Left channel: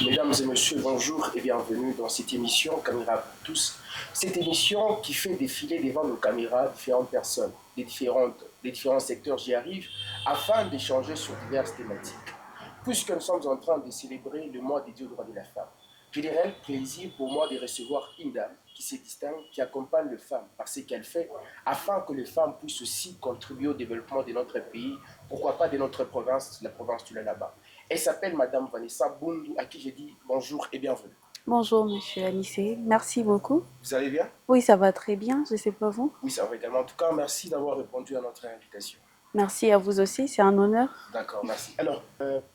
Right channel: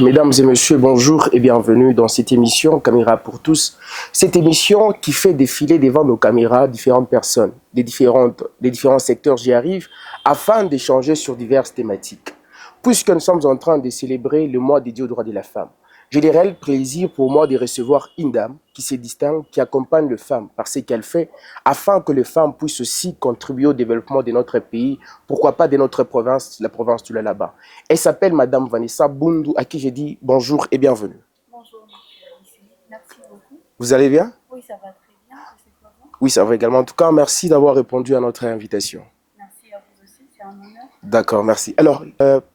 Mesdames et messieurs, bonjour et bienvenue dans cette émission Caméra pour tous. Cette émission qui fait défiler devant nos caméras différentes personnes, des différents secteurs, j'y arrive, afin d'échanger sur diverses thématiques. Puisque nous sommes en train de célébrer le mois dédié aux droits de la femme, j'ai le réel plaisir pour moi de recevoir une dame qui se distingue, qui accompagne les femmes par ce qu'elle fait, afin que les femmes puissent aussi contribuer au développement de notre pays, pourquoi pas de notre province, la province du Lalaba. Elle s'appelle Madame Vanessa Bundu, à qui j'ai dit bonjour et bienvenue. Bonjour, monsieur Anissé. Merci beaucoup. Vous allez bien? Oui, ça va très bien. Je ne sais pas vous. Oui, ça va également. En tout cas, merci d'avoir répondu à notre invitation. Merci à vous aussi. C'est un honneur. D'accord, merci. Alors,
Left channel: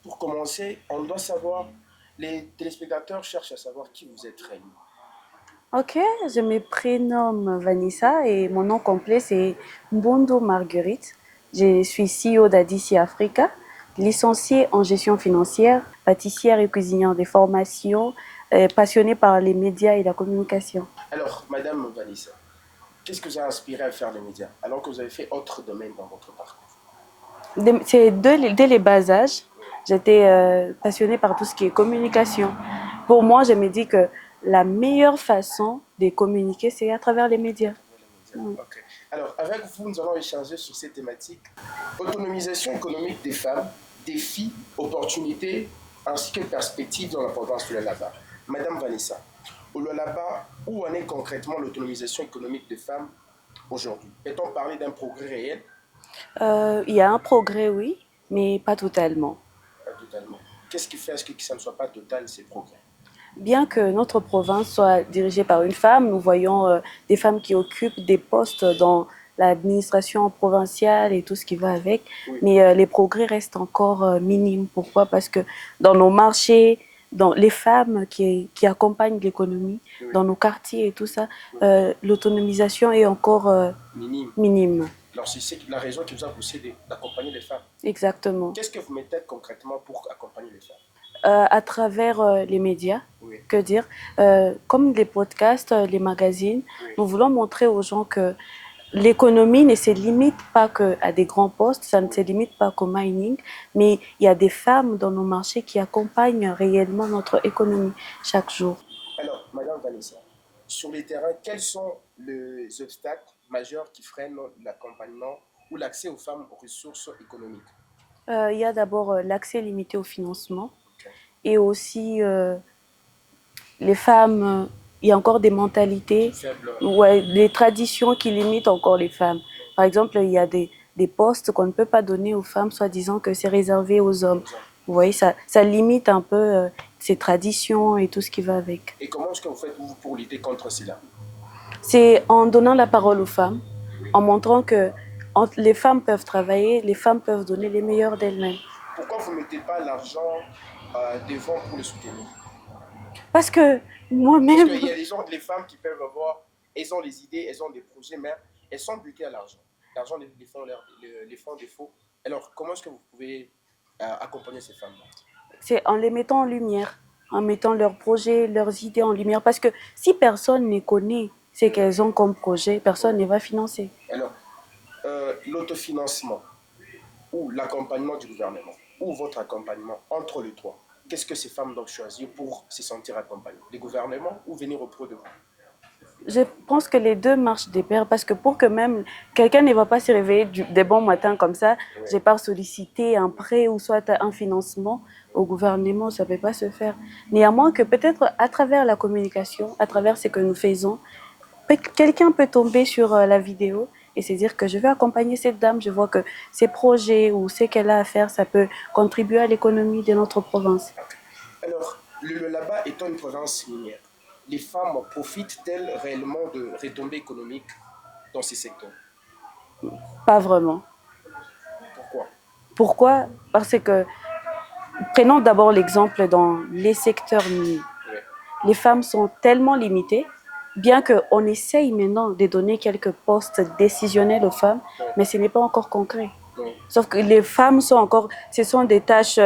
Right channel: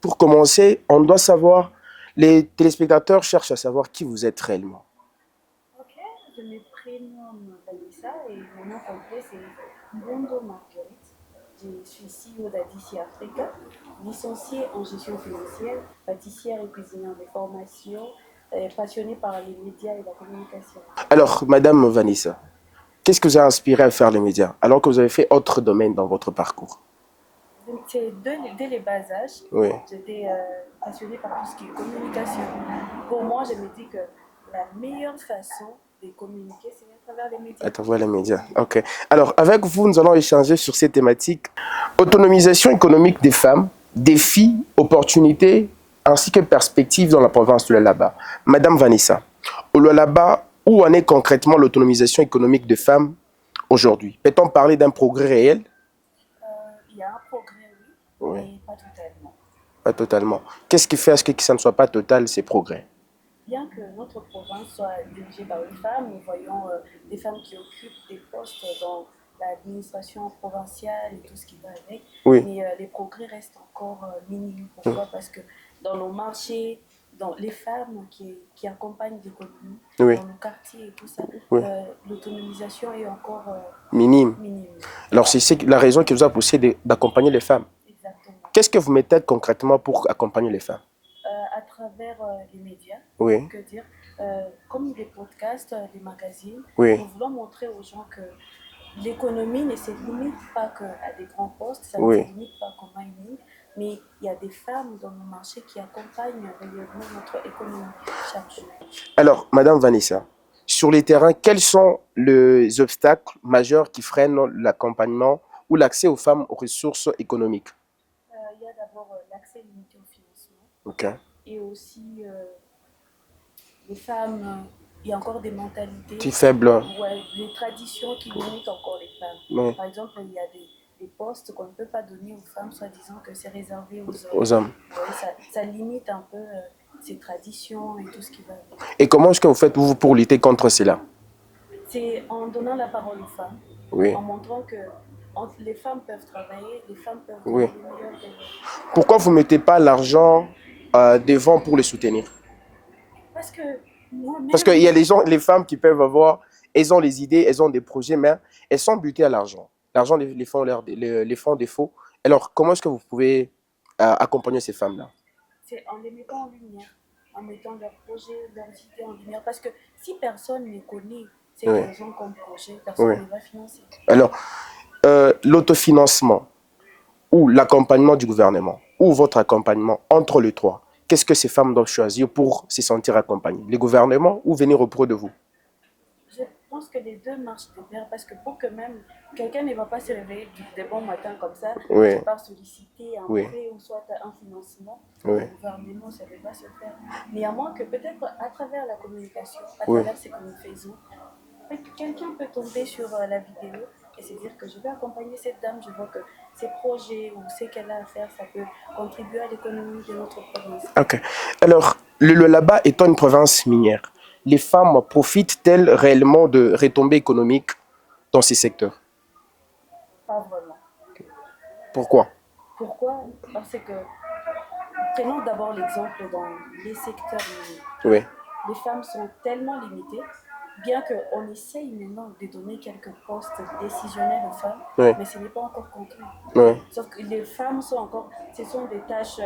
pour commencer, on doit savoir, les téléspectateurs cherchent à savoir qui vous êtes réellement. Ok, je me prénomme Vanessa et mon nom complet c'est Mbondo Marguerite. Je suis CEO d'Adici Africa, licenciée en gestion financière, pâtissière et cuisinière des formations, passionnée par les médias et la communication. Alors, Madame Vanessa, qu'est-ce que vous a inspiré à faire les médias, alors que vous avez fait autre domaine dans votre parcours? C'est dès les bas âges, Oui. j'étais passionnée par tout ce qui est communication. Pour moi, je me dis que la meilleure façon de communiquer, c'est à travers les médias. À travers les médias, ok. Alors, avec vous, nous allons échanger sur ces thématiques. Autonomisation économique des femmes, défis, opportunités, ainsi que perspectives dans la province du Lalaba. Madame Vanessa, au Lalaba, où en est concrètement l'autonomisation économique des femmes aujourd'hui? Peut-on parler d'un progrès réel? Il y a un progrès, oui, Oui. mais pas totalement. Pas totalement. Qu'est-ce qui fait à ce que ça ne soit pas total, ces progrès? Bien que notre province soit dirigée par une femme, nous voyons des femmes qui occupent des postes dans l'administration provinciale et tout ce qui va avec. Oui. Mais les progrès restent encore minimes. Pourquoi? Parce que dans nos marchés, dans les femmes qui accompagnent l'économie, Oui. dans nos quartiers et tout ça, Oui. l'autonomisation est encore Minime. minime. Alors, c'est la raison qui vous a poussé d'accompagner les femmes. Exactement. Qu'est-ce que vous mettez concrètement pour accompagner les femmes? À travers les médias, Oui. que dire, comme les podcasts, les magazines, Oui. nous voulons montrer aux gens que l'économie ne se limite pas qu'à des grands postes, ça ne Oui. se limite pas qu'au mining, mais il y a des femmes dans nos marchés qui accompagnent réellement notre économie chaque jour. Alors, Madame Vanessa, sur les terrains, quels sont les obstacles majeurs qui freinent l'accompagnement ou l'accès aux femmes aux ressources économiques? Il y a d'abord l'accès limité au financement Ok. et aussi les femmes, il y a encore des mentalités, Qui faible. ouais, des traditions qui limitent encore les femmes. Oui. Par exemple, il y a des postes qu'on ne peut pas donner aux femmes, soit disant que c'est réservé aux hommes. Aux hommes. Vous voyez, ça limite un peu ces traditions et tout ce qui va avec. Et comment est-ce que vous faites vous pour lutter contre cela? C'est en donnant la parole aux femmes, Oui. en montrant que les femmes peuvent travailler, les femmes peuvent donner les meilleurs d'elles-mêmes. Pourquoi vous ne mettez pas l'argent devant pour les soutenir? Parce que moi-même... Parce qu'il y a les femmes qui peuvent avoir, elles ont les idées, elles ont des projets, mais elles sont butées à l'argent. L'argent les font défaut. Alors, comment est-ce que vous pouvez accompagner ces femmes-là? C'est en les mettant en lumière, en mettant leurs projets, leurs idées en lumière. Parce que si personne ne connaît ce qu'elles ont comme projet, personne ne va financer. Alors, l'autofinancement ou l'accompagnement du gouvernement, ou votre accompagnement entre les trois, qu'est-ce que ces femmes doivent choisir pour se sentir accompagnées? Les gouvernements ou venir auprès de vous? Je pense que les deux marchent de pair parce que pour que même quelqu'un ne va pas se réveiller des bons matins comme ça, je pars solliciter un prêt ou soit un financement au gouvernement, ça ne peut pas se faire. Néanmoins que peut-être à travers la communication, à travers ce que nous faisons, quelqu'un peut tomber sur la vidéo et se dire que je vais accompagner cette dame, je vois que ses projets ou ce qu'elle a à faire, ça peut contribuer à l'économie de notre province. Ok. Alors, le Lalaba étant une province minière, les femmes profitent-elles réellement de retombées économiques dans ces secteurs? Pas vraiment. Pourquoi? Pourquoi? Parce que, prenons d'abord l'exemple dans les secteurs miniers. Oui. Les femmes sont tellement limitées, bien qu'on essaye maintenant de donner quelques postes décisionnels aux femmes, mais ce n'est pas encore concret. Sauf que les femmes sont encore, ce sont des tâches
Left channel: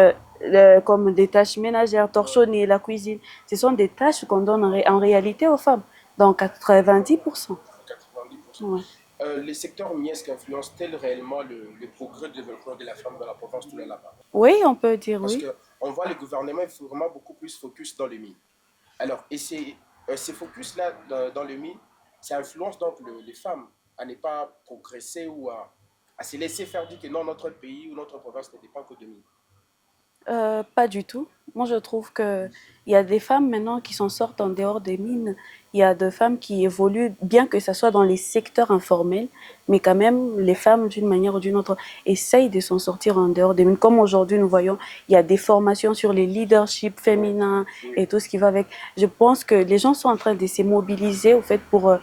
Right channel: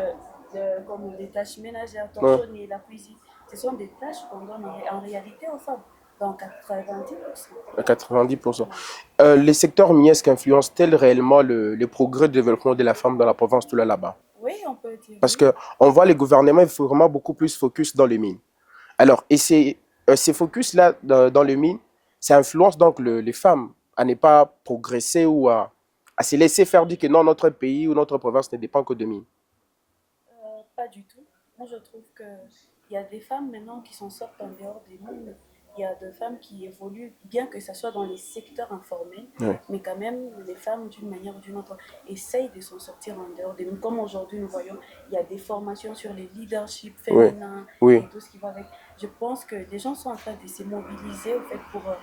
comme des tâches ménagères, torchonner, la cuisine. Ce sont des tâches qu'on donne en réalité aux femmes. Dans 90%. À 90%. Ouais. Les secteurs miniers influencent-ils réellement le progrès de développement de la femme dans la province de là-bas? Oui, on peut dire Parce oui. qu'on voit les gouvernements, il faut vraiment beaucoup plus focus dans les mines. Alors, et ces focus-là dans les mines, ça influence donc les femmes à ne pas progresser ou à se laisser faire dire que non, notre pays ou notre province ne dépend que de mines. Pas du tout. Moi, je trouve qu'il y a des femmes maintenant qui s'en sortent en dehors des mines. Il y a des femmes qui évoluent, bien que ce soit dans les secteurs informels, mais quand même, les femmes, d'une manière ou d'une autre, essayent de s'en sortir en dehors des mines. Comme aujourd'hui, nous voyons, il y a des formations sur les leaderships féminins et tout ce qui va avec. Je pense que les gens sont en train de se mobiliser, au fait, pour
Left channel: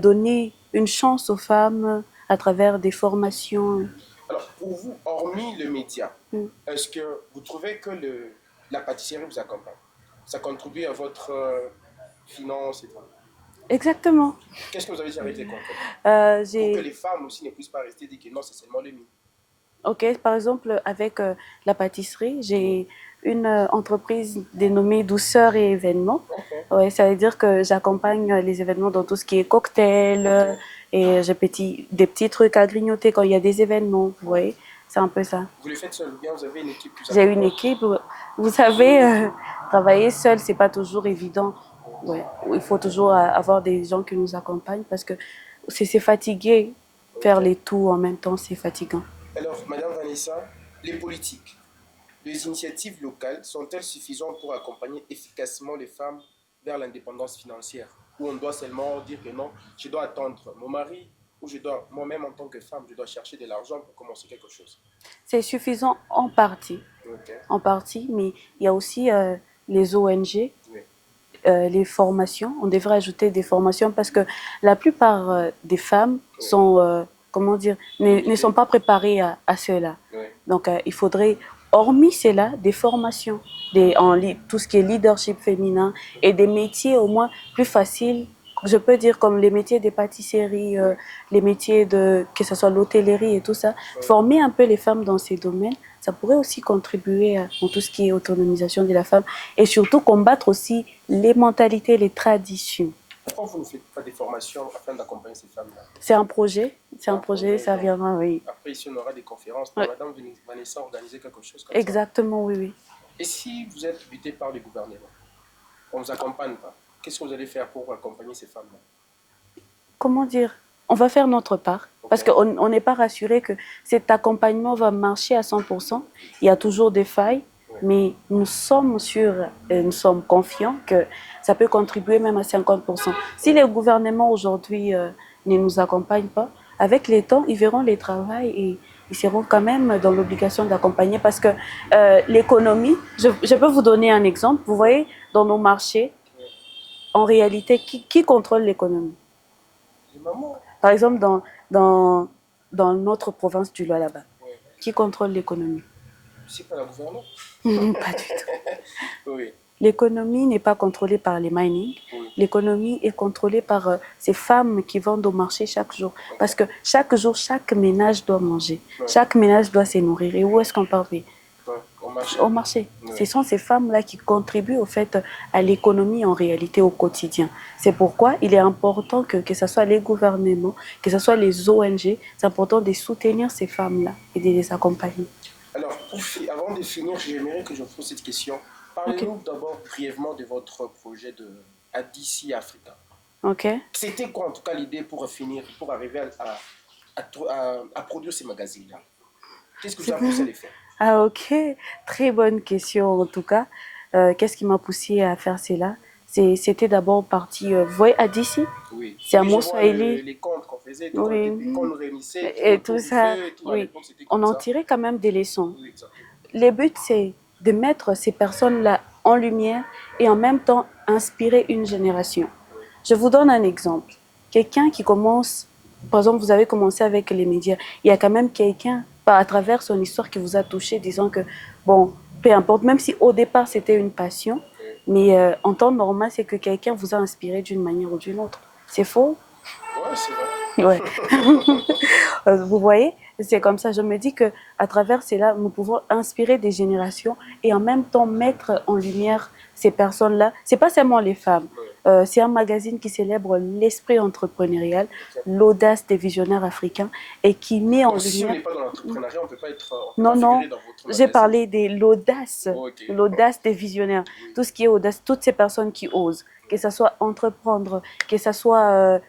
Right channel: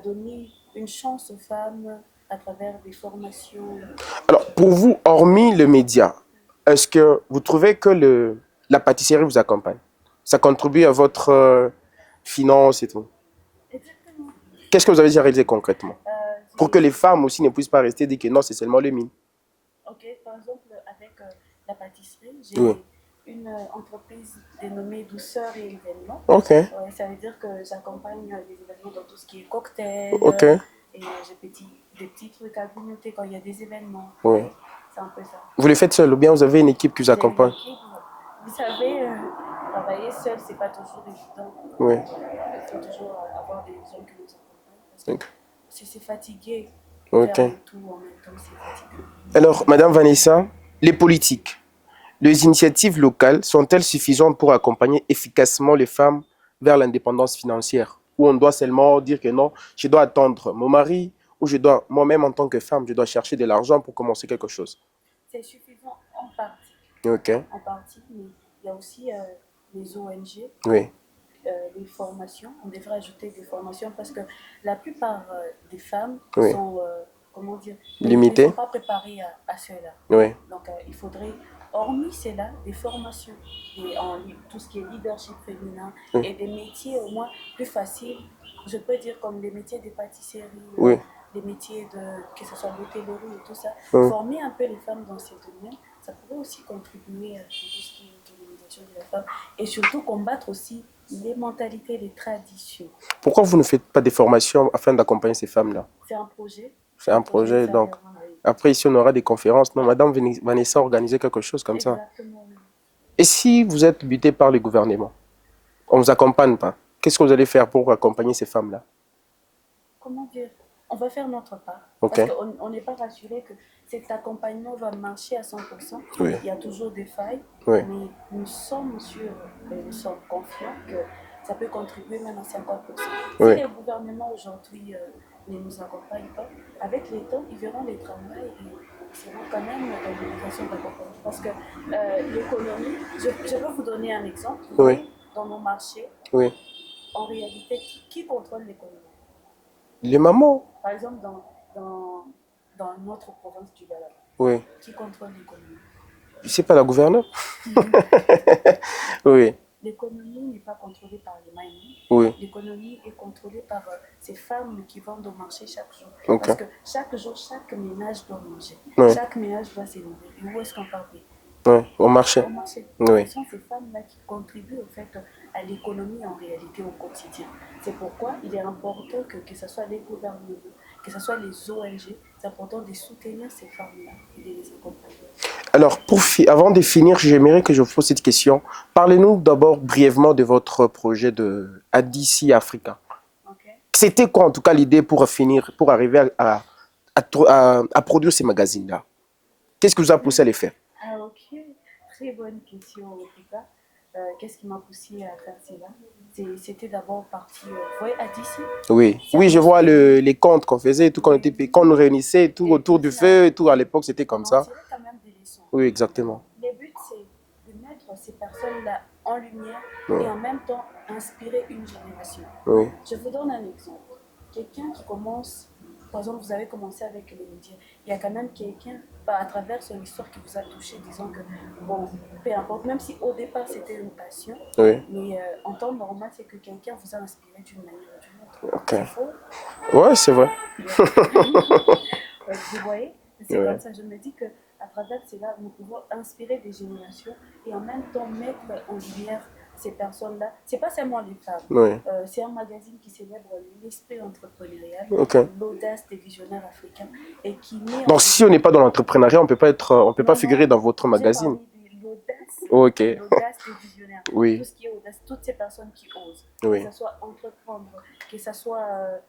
donner une chance aux femmes à travers des formations. Alors, pour vous, hormis le média, est-ce que vous trouvez que la pâtisserie vous accompagne? Ça contribue à votre finance et tout? Exactement. Qu'est-ce que vous avez déjà réalisé concrètement? Pour que les femmes aussi ne puissent pas rester dire que non, c'est seulement les mines. Ok, par exemple, avec la pâtisserie, j'ai une entreprise dénommée Douceur et Événements. Ok. Ouais, ça veut dire que j'accompagne les événements dans tout ce qui est cocktail. Et j'ai des petits trucs à grignoter quand il y a des événements. Vous voyez, c'est un peu ça. Vous le faites seul ou bien vous avez une équipe qui vous accompagne? J'ai une équipe. Vous savez, travailler seul, c'est pas toujours évident. Ouais. Il faut toujours avoir des gens qui nous accompagnent parce que c'est fatigué. Faire les tout en même temps, c'est fatigant. Alors, Madame Vanessa, les politiques, les initiatives locales sont-elles suffisantes pour accompagner efficacement les femmes vers l'indépendance financière? Ou on doit seulement dire que non, je dois attendre mon mari, ou je dois, moi-même en tant que femme, je dois chercher de l'argent pour commencer quelque chose? C'est suffisant en partie. En partie, mais il y a aussi les ONG, les formations. On devrait ajouter des formations parce que la plupart des femmes sont... comment dire, ne sont pas préparés à cela. Donc, il faudrait, hormis cela, des formations, tout ce qui est leadership féminin et des métiers au moins plus faciles. Je peux dire comme les métiers des pâtisseries, les métiers que ce soit l'hôtellerie et tout ça. Former un peu les femmes dans ces domaines, ça pourrait aussi contribuer à tout ce qui est autonomisation de la femme et surtout combattre aussi les mentalités, les traditions. Pourquoi vous ne faites pas des formations afin d'accompagner ces femmes-là? C'est un projet. C'est un projet, ça viendra, oui. Après, ici, on aura des conférences. Non, Madame Vanessa a organisé quelque chose comme ça. Exactement, oui. Et si vous êtes buté par le gouvernement, on ne vous accompagne pas, qu'est-ce que vous allez faire pour accompagner ces femmes-là? Comment dire? On va faire notre part. Parce qu'on n'est pas rassuré que cet accompagnement va marcher à 100%. Il y a toujours des failles. Mais nous sommes sûrs et nous sommes confiants que ça peut contribuer même à 50%. Si les gouvernements aujourd'hui ne nous accompagnent pas, avec les temps, ils verront les travails et ils seront quand même dans l'obligation d'accompagner parce que l'économie, je peux vous donner un exemple. Vous voyez, dans nos marchés, en réalité, qui contrôle l'économie? Les mamans. Par exemple, dans notre province du Lualaba, qui contrôle l'économie? C'est pas la gouverneure? Pas du tout. Oui. L'économie n'est pas contrôlée par les mining. L'économie est contrôlée par ces femmes qui vendent au marché chaque jour. Parce que chaque jour, chaque ménage doit manger. Chaque ménage doit se nourrir. Et où est-ce qu'on part? Au marché. Au marché. Ce sont ces femmes-là qui contribuent au fait à l'économie en réalité au quotidien. C'est pourquoi il est important que ce soit les gouvernements, que ce soit les ONG, c'est important de soutenir ces femmes-là et de les accompagner. Alors, avant de finir, j'aimerais que je vous pose cette question. Parlez-nous d'abord brièvement de votre projet de ADC Africa. C'était quoi en tout cas l'idée pour arriver à produire ces magazines-là? Qu'est-ce que vous a poussé à les faire? Ah ok, très bonne question en tout cas. Qu'est-ce qui m'a poussé à faire cela? C'était d'abord parti, vous voyez, ADC? Oui, je vois les comptes qu'on faisait, tout, quand on nous réunissait tout autour du feu et tout, à l'époque c'était comme ça. On en tirait quand même des leçons. Oui, exactement. Le but c'est de mettre ces personnes-là en lumière et en même temps inspirer une génération. Je vous donne un exemple. Quelqu'un qui commence, par exemple vous avez commencé avec les médias, il y a quand même quelqu'un à travers son histoire qui vous a touché, disant que, bon, peu importe, même si au départ c'était une passion, mais en temps normal, c'est que quelqu'un vous a inspiré d'une manière ou d'une autre. C'est faux? Ouais, c'est vrai. Vous voyez, C'est comme ça, je me dis qu'à travers cela, nous pouvons inspirer des générations et en même temps mettre en lumière ces personnes-là. Ce n'est pas seulement les femmes. C'est un magazine qui célèbre l'esprit entrepreneurial, l'audace des visionnaires africains et qui met en lumière... si on n'est pas dans l'entrepreneuriat, on ne peut pas figurer dans votre magazine. J'ai parlé de l'audace, l'audace des visionnaires. Tout ce qui est audace, toutes ces personnes qui osent, que ce soit entreprendre, que ce soit,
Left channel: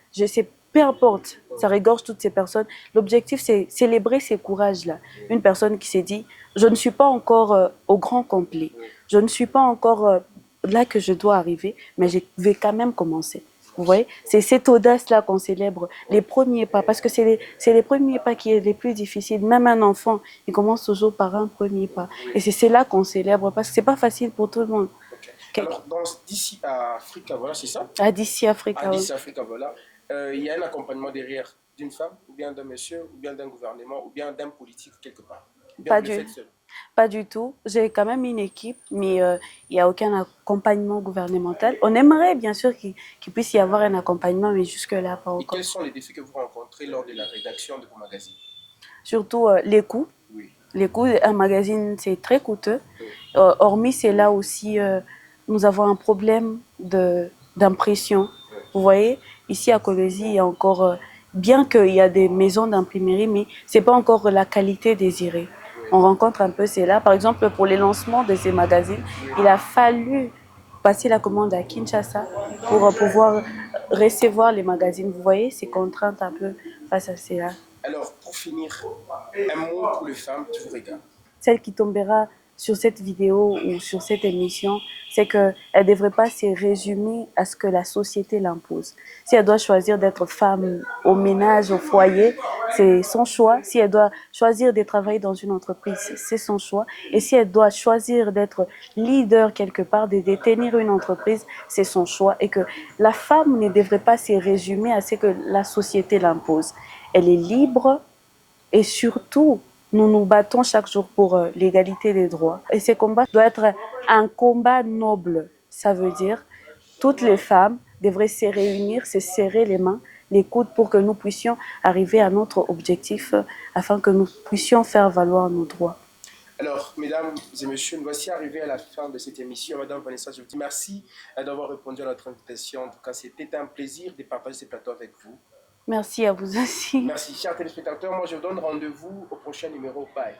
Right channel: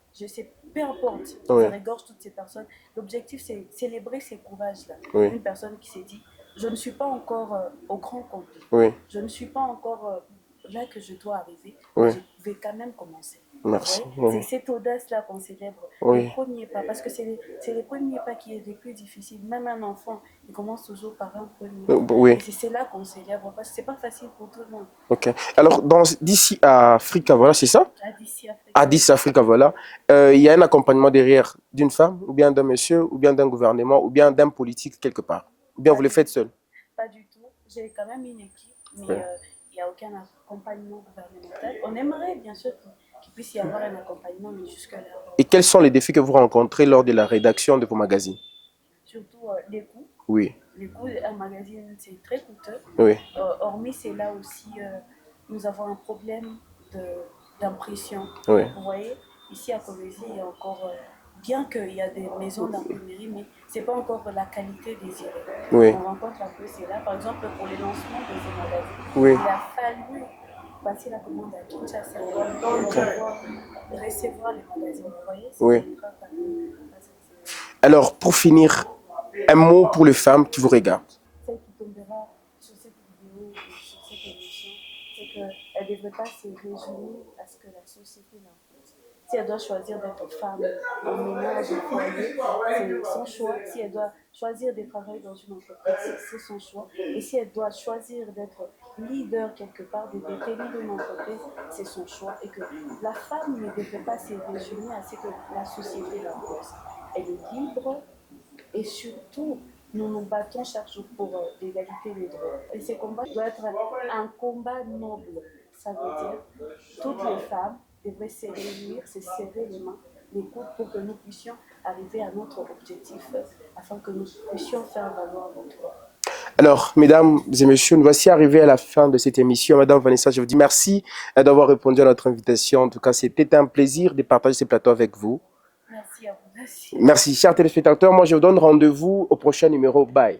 peu importe, ça regorge toutes ces personnes. L'objectif, c'est célébrer ces courages-là. Une personne qui s'est dit, je ne suis pas encore au grand complet, je ne suis pas encore là que je dois arriver, mais je vais quand même commencer. Vous voyez, c'est cette audace-là qu'on célèbre, les premiers pas, parce que c'est les premiers pas qui est les plus difficiles. Même un enfant, il commence toujours par un premier pas. Et c'est là qu'on célèbre, parce que c'est pas facile pour tout le monde. Alors, d'ici à Africa, voilà, c'est ça? D'ici Africa. Africa, voilà. Il y a un accompagnement derrière d'une femme, ou bien d'un monsieur, ou bien d'un gouvernement, ou bien d'un politique quelque part. Ou bien vous le faites seul? Pas du tout. J'ai quand même une équipe, mais il n'y a aucun accompagnement gouvernemental. On aimerait bien sûr qu'il puisse y avoir un accompagnement, mais jusque-là, pas encore. Et quels sont les défis que vous rencontrez lors de la rédaction de vos magazines? Surtout les coûts. Les coûts, un magazine, c'est très coûteux. Hormis, c'est là aussi, nous avons un problème d'impression. Vous voyez, ici à Kolwezi, il y a encore... bien qu'il y a des maisons d'imprimerie, mais ce n'est pas encore la qualité désirée. On rencontre un peu cela. Par exemple, pour les lancements de ces magazines, il a fallu passer la commande à Kinshasa pour pouvoir recevoir les magazines. Vous voyez, c'est contrainte un peu face à cela. Alors, pour finir, un mot pour les femmes qui vous regardent. Celle qui tombera sur cette vidéo ou sur cette émission, c'est qu'elle ne devrait pas se résumer à ce que la société l'impose. Si elle doit choisir d'être femme au ménage, au foyer, c'est son choix. Si elle doit choisir de travailler dans une entreprise, c'est son choix. Et si elle doit choisir d'être leader quelque part, de détenir une entreprise, c'est son choix. Et que la femme ne devrait pas se résumer à ce que la société l'impose. Elle est libre et surtout, nous nous battons chaque jour pour l'égalité des droits. Et ce combat doit être un combat noble. Ça veut dire toutes les femmes devraient se réunir, se serrer les mains, les coudes pour que nous puissions arriver à notre objectif afin que nous puissions faire valoir nos droits. Alors, mesdames et messieurs, nous voici arrivés à la fin de cette émission. Madame Vanessa, je vous dis merci d'avoir répondu à notre invitation. En tout cas, c'était un plaisir de partager ce plateau avec vous. Merci à vous aussi. Merci, chers téléspectateurs. Moi, je vous donne rendez-vous au prochain numéro. Bye.